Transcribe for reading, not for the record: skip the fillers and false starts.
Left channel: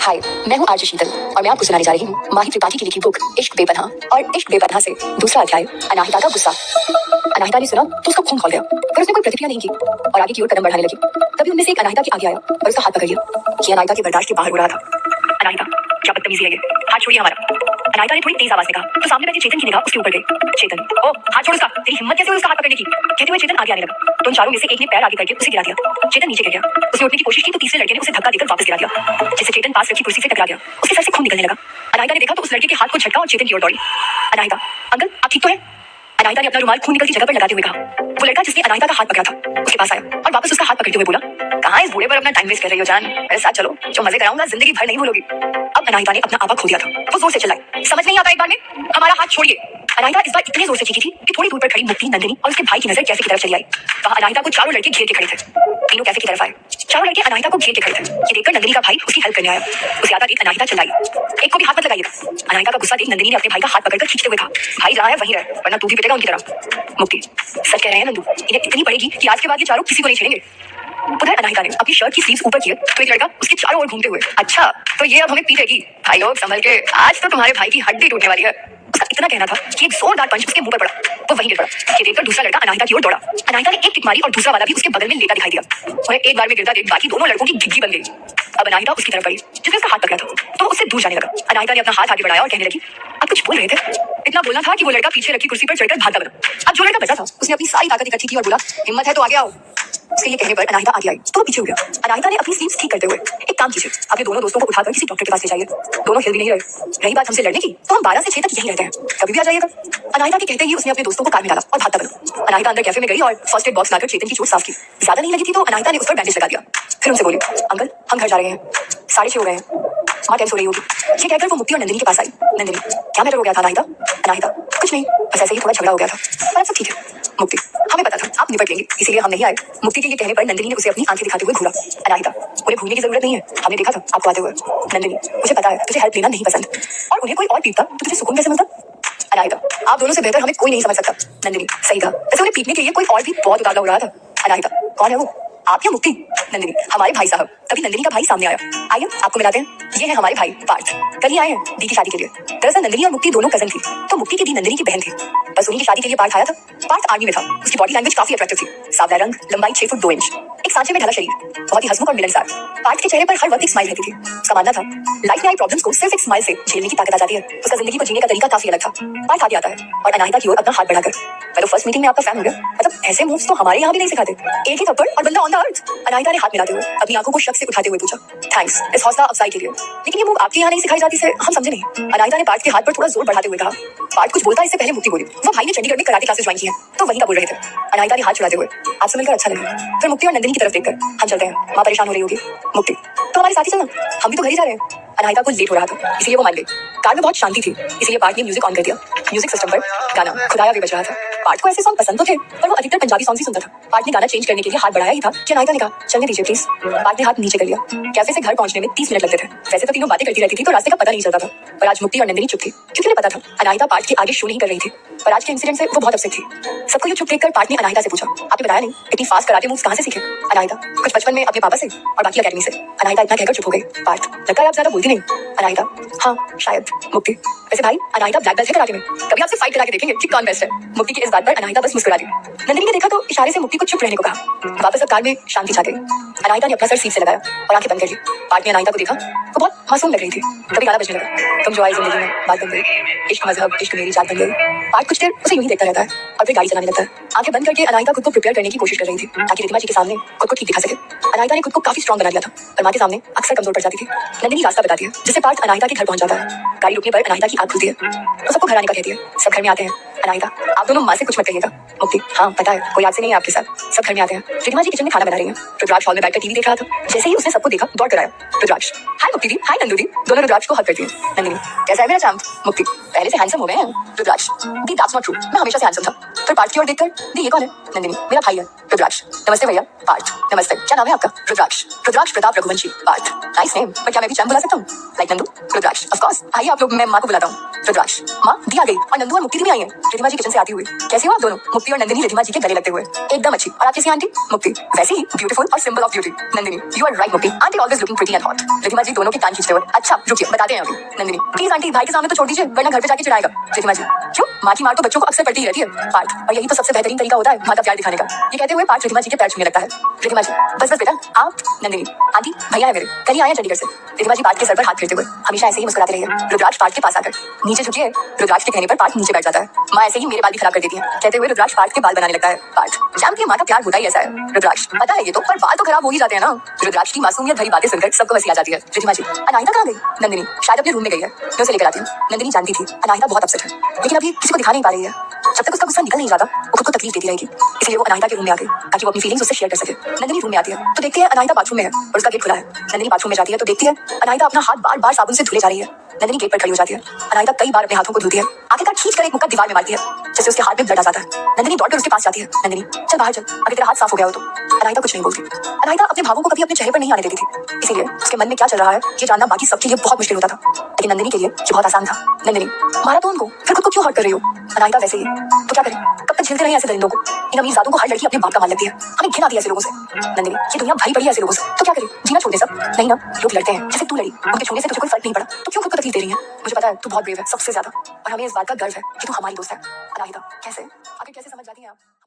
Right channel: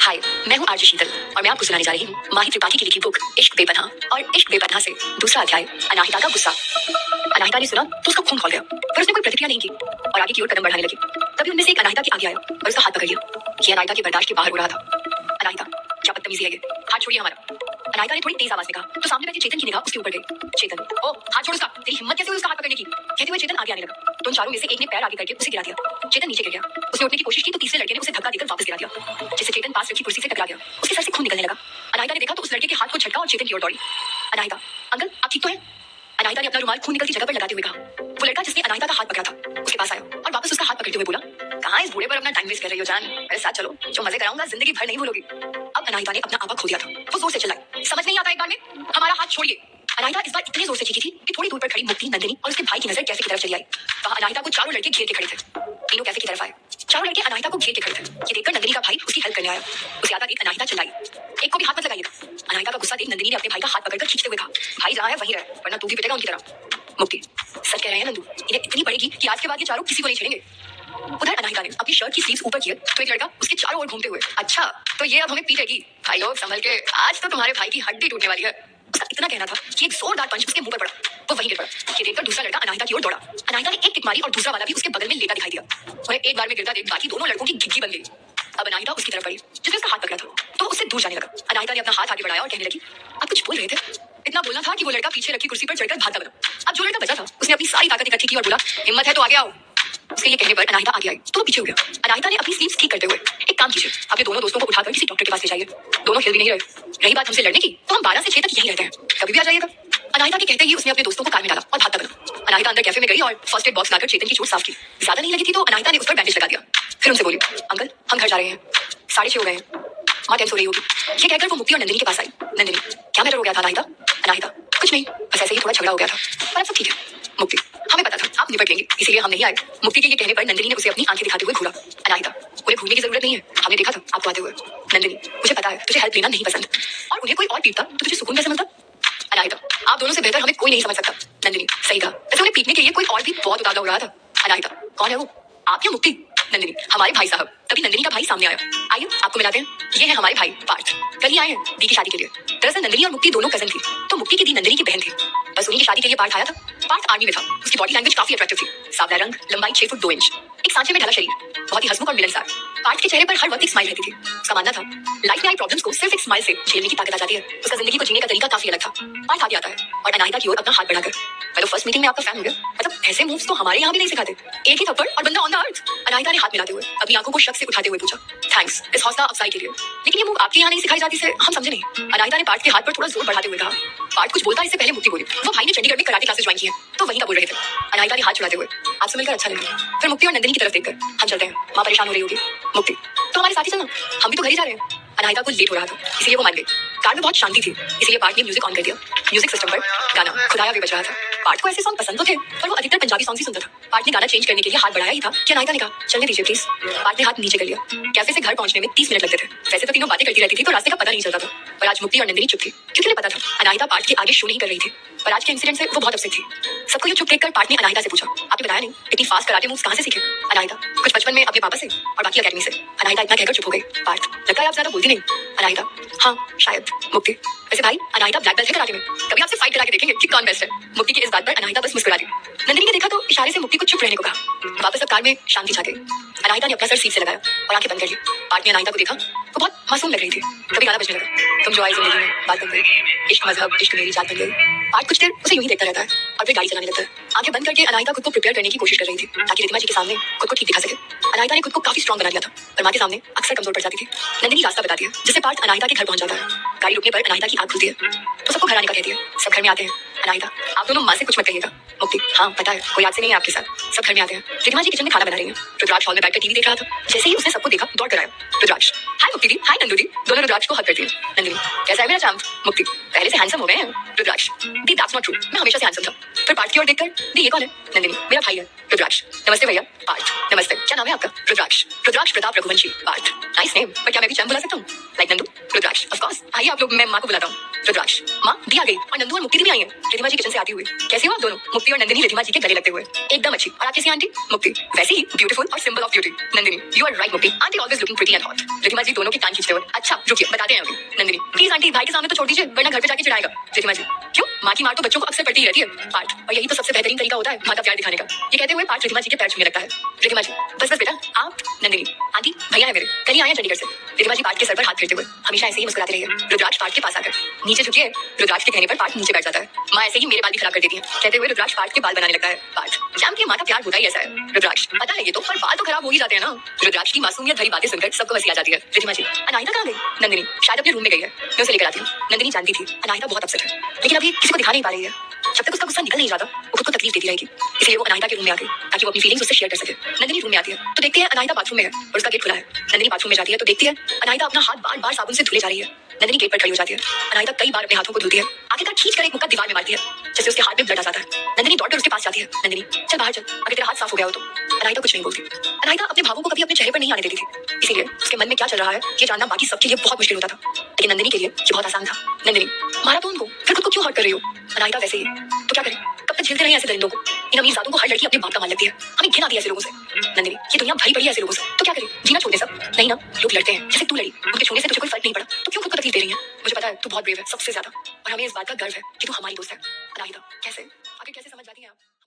हाय, मैं हूँ आरजे शीतल और मैं आपको सुनाने जा रही हूँ माही त्रिपाठी की लिखी बुक इश्क बेपनाह और इश्क बेपनाह से दूसरा अध्याय अनाहिता का गुस्सा। अनाहिता ने सुना तो उसका खून खौल गया, पर उसने कोई प्रतिक्रिया नहीं की और आगे की ओर कदम बढ़ाने लगी। तभी उनमें से एक अनाहिता के आगे आया और उसका हाथ पकड़ लिया। ये अनाहिता के बर्दाश्त के बाहर हो रहा था। अनाहिता, क्या बदतमीजी है ये, हाथ छोड़िए हमारा। अनाहिता ने थोड़ी तेज आवाज में कहा तो सामने बैठे चेतन की निगाह उसके ऊपर गई। चेतन, ओ हाथ छोड़ उसका, तेरी हिम्मत कैसे हुई उसका हाथ पकड़ने की? कहते हुए चेतन आगे आने लगा तो उन चारों में से एक ने पैर आगे करके उसे गिरा दिया। चेतन नीचे गिर गया। उसने उठने की कोशिश की तो तीसरे लड़के ने उसे धक्का देकर वापस गिरा दिया, जिससे चेतन पास रखी कुर्सी से टकरा गया। उसके सर से खून निकलने लगा। अनाहिता ने देखा तो उस लड़के के हाथ को झटका और चेतन की ओर दौड़ी। अनाहिता, अंकल आप ठीक तो है? अनाहिता ने अपना रुमाल खून निकलती जगह पर लगाते हुए कहा। वो लड़का जिसने अनाहिता का हाथ पकड़ा था उसके पास आया और वापस उसका हाथ पकड़ते हुए बोला, कहाँ इस बूढ़े पर अपना टाइम वेस्ट कर रही हो जान, मेरे साथ चलो, जो मजे कराऊंगा जिंदगी भर नहीं भूलोगी। अब अनाहिता ने अपना आपा खो दिया था। वो जोर से चिल्लाई, समझ नहीं आता एक बार में, हमारा हाथ छोड़िए। अनाहिता इस बार इतने जोर से चीखी थी कि थोड़ी दूर पर खड़ी मुक्ति, नंदिनी और उसके भाई की नजर कैफे की तरफ चली आई। वहां अनाहिता को चारों लड़के घेर के खड़े थे। तीनों कैफे की तरफ आए। चारों लड़के अनाहिता को घेर के खड़े थे। ये देखकर नंदिनी का भाई उसकी हेल्प करने आया। उसे आता देख अनाहिता चिल्लाई, एक को भी हाथ मत लगाइएगा। अनाहिता का गुस्सा देख नंदिनी ने अपने भाई का हाथ पकड़कर खींचते हुए कहा, भाई जहाँ है वहीं रहे, वरना तू भी पिटेगा उनकी तरह। मुक्ति, सच कह रहे हैं नंदू, इन्हें इतनी पड़ेगी कि आज के बाद ये चारों किसी को नहीं छेड़ेंगे। उधर अनाहिता ने अपनी शर्ट की स्लीव्स ऊपर किए तो एक लड़का उसके चारों ओर घूमते हुए, अच्छा तो ये अब हमें पीटेगी, भाई लोग संभल के, आज तो तुम्हारे भाई की हड्डी टूटने वाली है। उसका इतना कहना था कि एक जोरदार पंच उसके मुंह पर पड़ा। वो वहीं गिर पड़ा। ये देखकर दूसरा लड़का अनाहिता की ओर दौड़ा। अनाहिता ने एक किक मारी और दूसरा वाला भी उसके बगल में लेटा दिखाई दिया। उन्हें एक बार में गिरता देख बाकी दोनों लड़कों की घिघी बन गई। अब अनाहिता उसकी तरफ बढ़ी जिसने उसका हाथ पकड़ा था तो उससे दूर जाने लगा। अनाहिता ने अपना हाथ आगे बढ़ाया और कहने लगी, आप कुछ बोल रहे थे? इतना बोलना था कि वो लड़का पीछे रखी कुर्सी पर चढ़कर भागता बना। अब जो लड़का बचा था उसने अपनी सारी ताकत इकट्ठी की और बोला, हिम्मत है तो आगे आओ। उसके ये कहने पर अनाहिता आगे आई तो वो पीछे हो गया। अनाहिता ने अपनी स्लीव्स ठीक करते हुए, एक काम कीजिए, अपने दोनों दोस्तों को उठाकर किसी डॉक्टर के पास ले जाइए। दोनों हिल भी नहीं रहे। रही बात हमसे लड़ने की तो हम 12 से 6 तक यहीं रहते हैं, कभी भी आ जाइएगा। अनाहिता के कहते ही उसने अपने दोस्तों को कार में डाला और भागता बना। अनाहिता अंदर कैफे में गई और फर्स्ट एड बॉक्स लाकर चेतन की चोट साफ की। ज्यादा नहीं लगी थी तो अनाहिता ने उस पर बैंडेज लगा दिया। फिर उनसे बोली, अंकल हम घर जा रहे हैं, 6:30 हो गए हैं, माँ टेंस हो रही होगी। ये कहकर वो मुक्ति और नंदिनी के पास आई। नंदिनी, क्या मैटर हो गया था अनाहिता? अनाहिता, कुछ नहीं, बस ऐसे ही थोड़ा झगड़ा हो गया था, पर अब सब ठीक है। मुक्ति, हमें पता था आप निपट लेंगे, इसीलिए हम नहीं आए। मुक्ति के ये कहने पर नंदिनी ने उसे अपनी आंखें दिखाते हुए घूरा। अनाहिता, उन्हें घूरने की जरूरत नहीं है, हमने देखा था आपको आते हुए। नंदिनी, मुझे पता है तुझे हेल्प लेना नहीं पसंद, और उन्हें कोई और पीटता तो तुझे सुकून कैसे मिलता? अनाहिता, आप दोनों से बेहतर हमें कोई नहीं समझ सकता। नंदिनी, सही कहा, वैसे उन्हें पीटने के लिए कोई और भी बहुत उतावला हो रहा था। अनाहिता, कौन है वो, आप या मुक्ति? नंदिनी, हमारे भाई साहब। तभी नंदिनी का भाई सामने आया। आइए आपको मिलाते हैं, ये है हमारे भाई पार्थ, कल ही आए हैं दी की शादी के लिए। दरअसल नंदिनी और मुक्ति दोनों कजन थी, तो मुक्ति की दी नंदिनी की बहन थी। बस उन्हीं की शादी के लिए पार्थ आया था। पार्थ आर्मी में था। उसकी बॉडी लैंग्वेज काफी अट्रैक्टिव थी, सावला रंग, लंबाई 6 फुट 2 इंच, एक सांचे में ढला शरीर, बहुत ही हंसमुख और मिलनसार। पार्थ के चेहरे पर हर वक्त एक स्माइल रहती थी। उसका मानना था लाइफ में आई प्रॉब्लम्स को सिर्फ एक स्माइल से झेलने की ताकत आ जाती है। उसका जिंदगी को जीने का तरीका काफी अलग था। पार्थ आगे आता है और अनाहिता की ओर अपना हाथ बढ़ाकर, मैं तो फर्स्ट मीटिंग में आपका फैन हो गया, मतलब ऐसे मूव्स तो हमारे यहाँ भी नहीं सिखाते। एक ही थप्पड़ और बंदा ऑन द अर्थ। अनाहिता ने हाथ मिलाते हुए अपनी आंखों को शक से उठाते हुए पूछा, थैंक्स इस हौसला अफजाई के लिए, लेकिन ये मूव आपके यहाँ नहीं सिखाई जाती से हम समझे नहीं। अनाहिता ने पार्थ के हाथ पर थोड़ा जोर बढ़ाते हुए कहा। पार्थ कुछ बोलता इससे पहले मुक्ति बोली, वो भाई ने चंडीगढ़ में कराटे क्लासेस ज्वाइन की हैं, तो वहीं का बोल रहे थे। अनाहिता ने हाथ छुड़ाते हुए, आपसे मिलकर अच्छा लगा। फिर मुक्ति और नंदिनी की तरफ देखकर, हम चलते हैं, माँ परेशान हो रही होगी। मुक्ति, तो हमारे साथ ही चलना, हम भी तो घर ही जा रहे हैं। अनाहिता को लेट हो रहा था इसलिए वो मान गई। कार में बहुत शांति थी इसलिए पार्थ ने म्यूजिक ऑन कर दिया। म्यूजिक सिस्टम पर गाना खुदाया भी बज रहा था। पार्थ को ऐसे सॉन्ग पसंद तो थे पर वो अधिकतर पंजाबी सॉन्ग ही सुनता था। पार्थ ने गाना चेंज करने के लिए हाथ बढ़ाया ही था कि अनाहिता ने कहा, चलने दीजिए प्लीज। पार्थ ने हाथ नीचे कर लिया। कैफे से घर पहुंचने में 30 मिनट लगते थे। वैसे तो तीनों बातें करती रहती थी तो रास्ते का पता नहीं चलता था, पर आज मुक्ति और नंदिनी चुप थी क्योंकि उन्हें पता था अनाहिता पार्थ के आगे शो नहीं कर रही थी। पर आज के इंसिडेंट से वो बहुत अपसेट थी। सबको ये चुप देखकर पार्थ ने अनाहिता से पूछा, आपने बताया नहीं इतनी फास्ट कराटे मूव्स कहाँ से सीखे? अनाहिता, कुछ बचपन में अपने पापा से और बाकी अकेडमी से। अनाहिता इतना कहकर चुप हो गई। पार्थ, लगता है आप ज्यादा बोलती नहीं। अनाहिता, हाँ शायद। मुक्ति, वैसे भाई अनाहिता ब्लैक बेल्ट है कराटे में, कभी आपसे फाइट करा के देखेंगे कि कौन बेस्ट है। मुक्ति की इस बात पर अनाहिता बस मुस्कुरा दी। नंदिनी ने देखा तो इशारे से मुक्ति को चुप रहने को कहा। वापस अब कार में शांति छा गई। अनाहिता ने अपना सर सीट से लगाया और आंखें बंद कर ली। पार्थ ने अनाहिता को देखा, वो बहुत मासूम लग रही थी। कभी गाना बजने लगा, तुम जो आई जिंदगी में बात बन गई, इश्क मजहब इश्क मेरी जात बन गई। पार्थ कुछ देर उसे यूं ही देखता रहता है और फिर गाड़ी चलाने लगता है। आंखें बंद करके अनाहिता खुद को प्रिपेयर करने की कोशिश कर रही थी ताकि रिद्धिमा जी के सामने खुद को ठीक दिखा सके। अनाहिता ने खुद को काफी स्ट्रॉन्ग बना लिया था पर माँ के सामने अक्सर कमजोर पड़ जाती थी। नंदिनी रास्ता बताती है जिससे पार्थ अनाहिता के घर पहुंच जाता है। गाड़ी रुकने पर अनाहिता की आंख खुलती है तो सबको घर आने का कहती है। सब घर में आते हैं। अनाहिता, आप दोनों माँ से कुछ मत कहिएगा। मुक्ति, हाँ पता है कोई याद से नहीं है आपके साथ। सब घर में आते हैं। रिद्धिमा जी किचन में खाना बना रही हैं। रुद्राक्ष हॉल में बैठकर टीवी देख रहा था। जैसे ही उसने सबको देखा दौड़ कर आया। रुद्राक्ष, हाय मुक्ति दी, हाय नंदू दी। दोनों रुद्राक्ष को हक करती है। नंदिनी, कैसा है मेरा चांद? मुक्ति, पहले से हैंडसम हो गए हैं। रुद्राक्ष, दी दैट्स नॉट ट्रू, मैं हमेशा से हैंडसम था। फिर पार्थ की ओर देखकर, दी ये कौन है? नंदिनी, मेरा भाई है। रुद्राक्ष, नमस्ते भैया। पार्थ, नमस्ते, क्या नाम है आपका? रुद्राक्ष, रुद्राक्ष प्रताप रघुवंशी। पार्थ, नाइस नेम, पर क्या मैं भी चांद बुला सकता हूँ? Like Nandu? Rudraksh, of course, आइए आप लोग, मैं माँ को बुलाता हूँ। रुद्राक्ष, माँ दी आ गई और नंदू और मुक्ति भी आई हैं। रिद्धिमा जी किचन से आती हुई, कैसे हो आप दोनों? मुक्ति और नंदिनी रिद्धिमा जी के गले लगते हुए, एकदम अच्छी। और आप कैसी आंटी? मुक्ति, वैसे ही ब्यूटीफुल और symbol of beauty. Nandini, you are right Mukti, aunty always looking pretty and hot. Riddhima ji दोनों दोनों के कान खींचते हुए। अच्छा रुकिए, बताते हैं अभी। नंदिनी, प्लीज आंटी, भाई के सामने तो छोड़ दीजिए, वरना घर पे जाके चिढ़ाएगा। रिधिमा जी, क्यों? माँ की मार तो बच्चों को अक्सर पड़ती ही रहती है पार्थ, और यही तो सबसे बेहतरीन तरीका होता है माँ का प्यार दिखाने का। ये कहते हुए पार्थ रिधिमा जी के पैर छूने लगता है। रिधिमा जी, बस बस बेटा, आप। नंदिनी, आंटी, भैया है मेरे, कल ही आए हैं चंडीगढ़ से। रिधिमा जी पार्थ के सर पर हाथ फेरते हुए, हमेशा ऐसे ही मुस्कुराते रहिए। रुद्राक्ष पार्थ के पास आकर नीचे झुकिए। रुद्राक्ष के कहने पर पार्थ नीचे बैठ जाता है। माँ ऐसे ही मेरे बाल भी खराब कर देती है, कहते हुए रुद्राक्ष पार्थ के बाल बनाने लगता है। पार्थ, जानती है माँ का प्यार होता ही ऐसा है। रुद्राक्ष, पता है ये तो, पर बाल तो खराब हो ही जाते हैं ना। रुद्राक्ष की मासूमियत भरी बातें सुनकर सबको हंसी आ जाती है। रिधिमा जी, अनाहिता कहाँ गई? नंदिनी, शायद अपने रूम में गई है, मैं उसे लेकर आती हूँ। नंदिनी जानती थी अनाहिता बहुत अपसेट है, लेकिन अभी किसी को दिखा नहीं पा रही है। जब तक उसका गुस्सा निकल नहीं जाता वो खुद को तकलीफ देती रहेगी, इसलिए वो अनाहिता के रूम में आ गई ताकि वो अपनी फीलिंग्स उससे शेयर कर सके। नंदिनी रूम में आती है तो देखती है अनाहिता बाथरूम में है और उसका गेट खुला है। नंदिनी बाथरूम में जाती है तो देखती है अनाहिता अपना हाथ बार बार साबुन से धुले जा रही है। नंदिनी गेट पर खड़ी हो जाती है। अनाहिता कई बार अपने हाथों को धुलती है, आखिरकार खींच कर एक मुक्का दीवार में मारती है, जैसे उसके हाथ में ब्लड आ जाता है। नंदिनी दौड़कर उसके पास जाती है। नंदिनी, चल बाहर चल, अगर तेरा हाथ साफ हो गया हो तो। अनाहिता कुछ नहीं बोलती। अनाहिता अपने भावों को कभी अपने चेहरे पर नहीं आने देती थी, इसीलिए उसके मन में क्या चल रहा है ये जानना बाकी सबके लिए बहुत मुश्किल होता था, लेकिन नंदिनी के लिए ये बहुत आसान था। नंदिनी, मारा तो उनको, फिर खुद को क्यों हर्ट कर रही हो? अनाहिता, वैसे ही तो क्या करें, कब तक झेलते रहे ऐसे दरिंदों को? इन अमीरजादों को हर लड़की अपने बाप का मान लगती है, हमें घिन आती है ऐसे लोगों से। नंदिनी, ये दुनिया भरी पड़ी है ऐसे लोगों से, तो क्या करें, जीना छोड़ दे सब? नहीं ना, लोग लड़ते हैं जैसे तू लड़ी, उनके छूने से तुझे कोई फर्क नहीं पड़ा, तो क्यों खुद को तकलीफ दे रही है? मुझे पता है तू बहुत ब्रेव है सबसे ज्यादा, और हमें इस बात का गर्व है कि तू हमारी दोस्त है। अनाहिता, कैसे?